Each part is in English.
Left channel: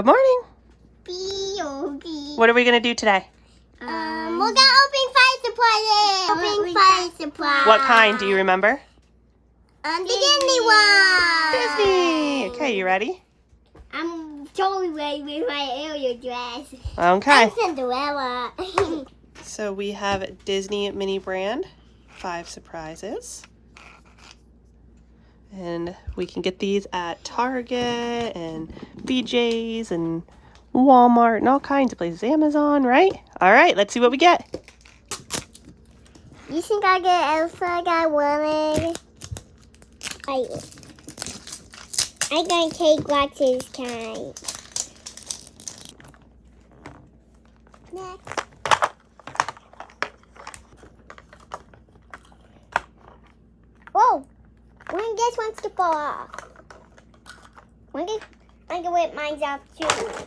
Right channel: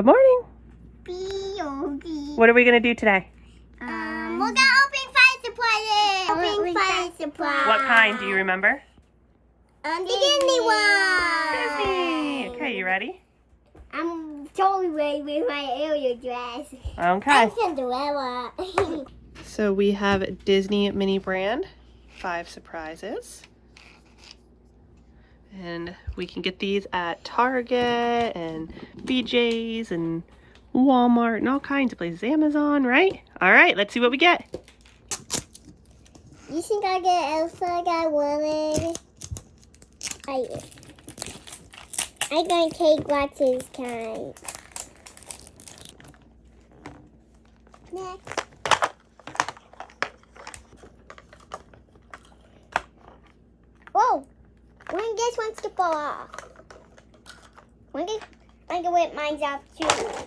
Good morning. What are we going to do today? We're gonna open fire supplies. Open fire supplies. What kind? Do you remember? The Disney one. Disney. Okay, you ready? I'm totally ready with my Ariel dress. Okay. I'm Cinderella. So we have Disney mini brand, 5 surprises. And we can get these at Target and BJ's and Walmart and all kinds of places. Amazon, right? All right, let's see what we get. You think I get Elsa? I got one. I got Kate Glasses kind. Next. Whoa! One guess wants to fall off. One guess I can whip mine off too.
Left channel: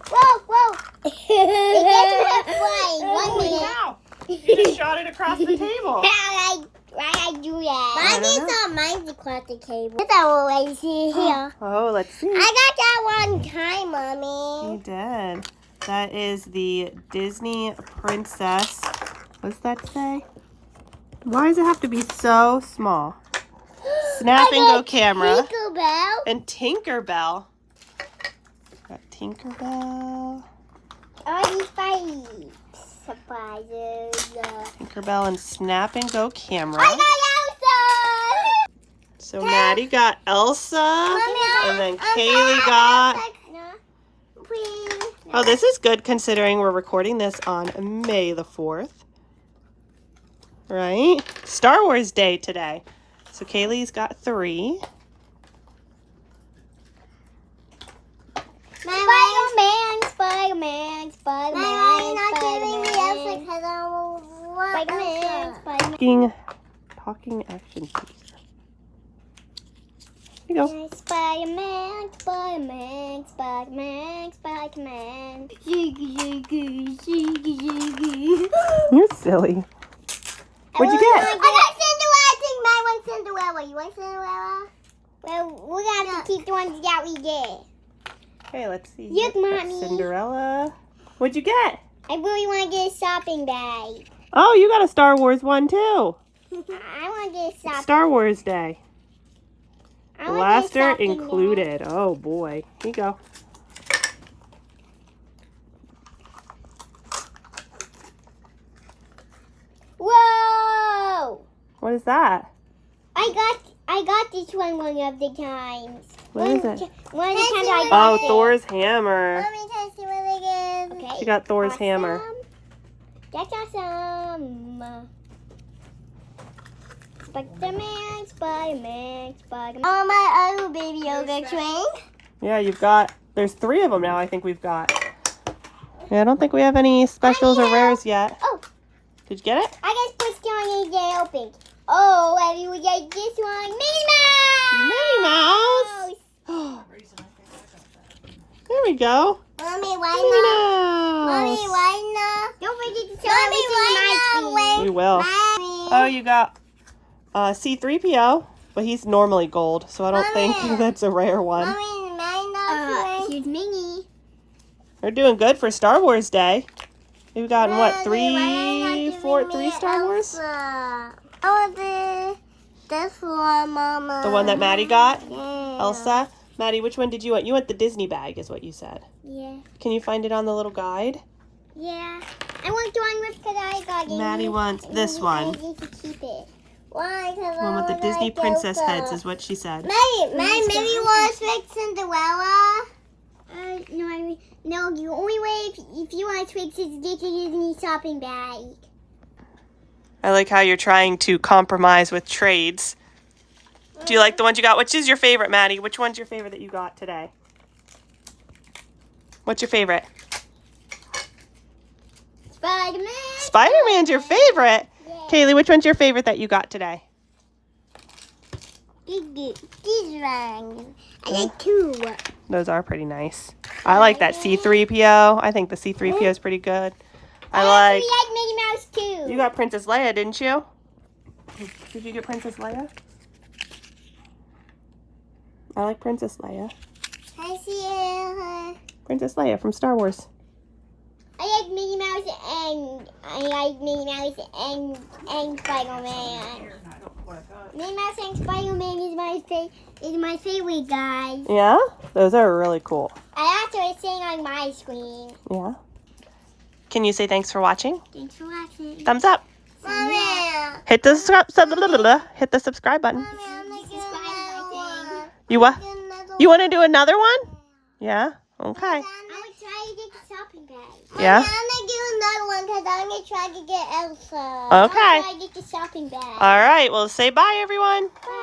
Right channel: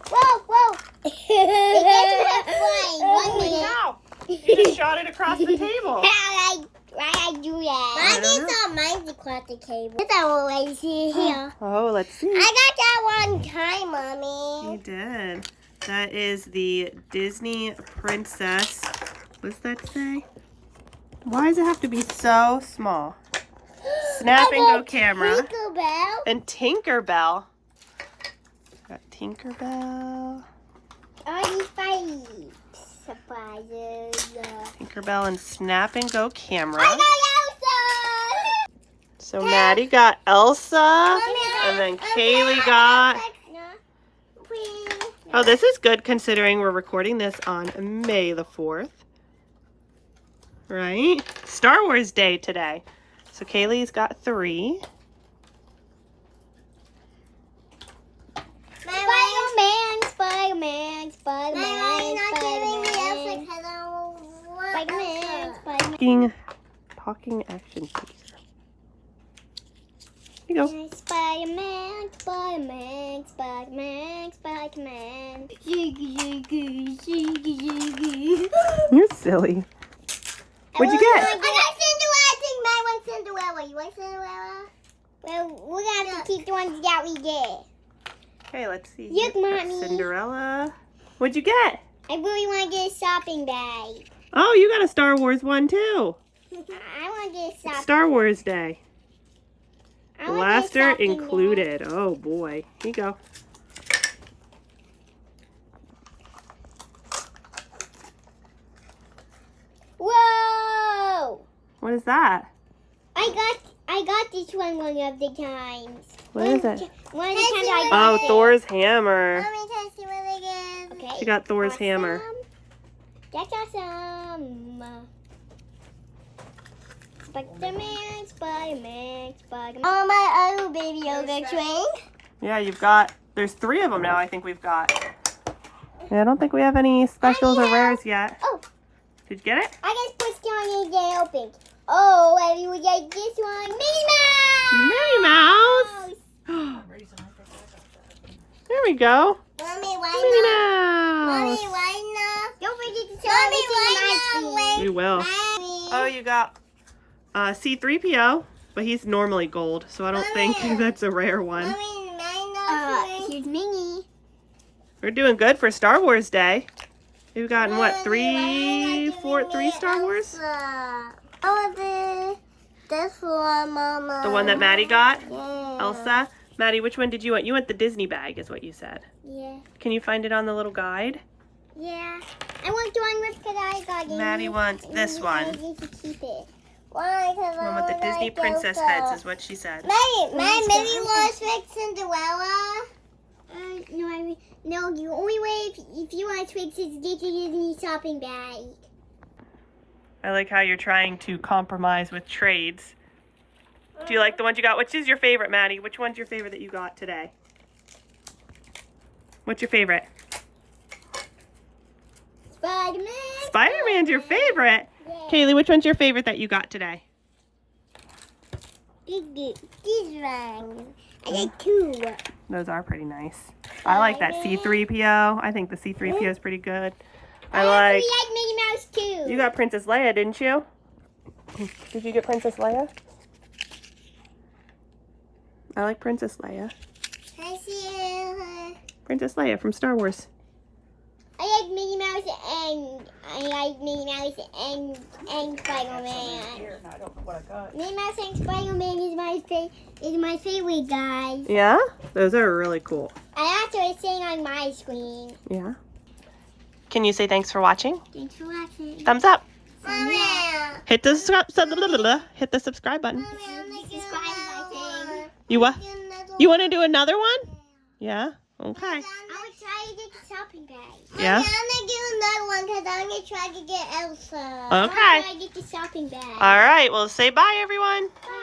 Whoa, whoa! It gets flying. 1 minute. Wow! You just shot it across the table. Why I do that? Mine is not mine across the table. That's all I see here. Oh, let's see. I got that one time, Mommy. You did. That is the Disney Princess. What's that say? Why does it have to be so small? Snap and Go camera. Tinkerbell. And Tinkerbell. Got Tinkerbell. All these five surprises. Tinkerbell and Snap and Go camera. I got Elsa. So Maddie got Elsa. And then Kaylee got... Oh, this is good considering we're recording this on May the 4th. Right? Star Wars Day today. So Kaylee's got 3. Spider-Man. Talking action figure. Here you go. Spider-Man. You're silly. What'd you get? I got Cinderella. I think mine wants Cinderella. You want Cinderella? Well, we're going to have to keep the ones that we get. Okay, let's see. Look, Got Mommy. Cinderella. What'd you get? I really want to get a shopping bag. Oh, you got a Star Wars one too. I want to get a shopping Star Wars Day. I wanna get a Blaster shopping included. Oh boy. Here you go. Whoa! What is that? I got this one of the times. What is it? One of the times I got Oh, it. Thor's hammer. Mommy, can I see what it is? Okay. She got Thor's Awesome. hammer. That's awesome. Spider-Man. Oh, my other baby yoga train. Yeah, there's 3 of them now I think we've got. Yeah, I don't think we have any specials or rares yet. Oh. Did you get it? I just pushed on and get open. Oh, and we get this one. Minnie Mouse! Minnie Mouse! There we go. Mommy, why Minnie not? Mommy, Mouse. why not? Don't forget to show everything on my screen. We will. Mommy. Oh, you got C-3PO, but he's normally gold, so I don't think that's a rare one. Mommy, here's Minnie. We're doing good for Star Wars Day. We've gotten, what, Mommy, 3 Star Wars? Oh, this one, Mama. The one that Maddie got? Yeah. Elsa? Maddie, which one did you want? You want the Disney bag is what you said. Yeah. Can you find it on the little guide? Yeah. I want the one with I got it. Maddie wants this one. I need to keep it. Why? Because One with the Disney princess heads is what she said. Maybe wants to fix Cinderella. No, the only way if you want to fix it is get the Disney shopping bag. I like how you're trying to compromise with trades. Do you like the ones you got? Which is your favorite, Maddie? Which one's your favorite that you got today? What's your favorite? Spider-Man. Spider-Man's your favorite? Yeah. Kaylee, which one's your favorite that you got today? These ones. I like 2. Those are pretty nice. I like that C-3PO. I think the C-3PO is pretty good. I like like... Minnie Mouse too. You got Princess Leia, didn't you? Did you get Princess Leia? I like Princess Leia. I see Princess Leia from Star Wars. I like Minnie Mouse and Spider-Man. Minnie Mouse and Spider-Man is my favorite guy. Yeah? Those are really cool. I also sing on my screen. Yeah. Can you say thanks for watching? Thanks for watching. Thumbs up. Mama. Hit the hit the subscribe button. You what? You want to do another one? Yeah. Okay. I would try to get the shopping bag. Yeah? I'm going to do another one because I'm going to try to get Elsa. Okay. I'm going to try to get the shopping bag. All right. Well, say bye, everyone. Bye.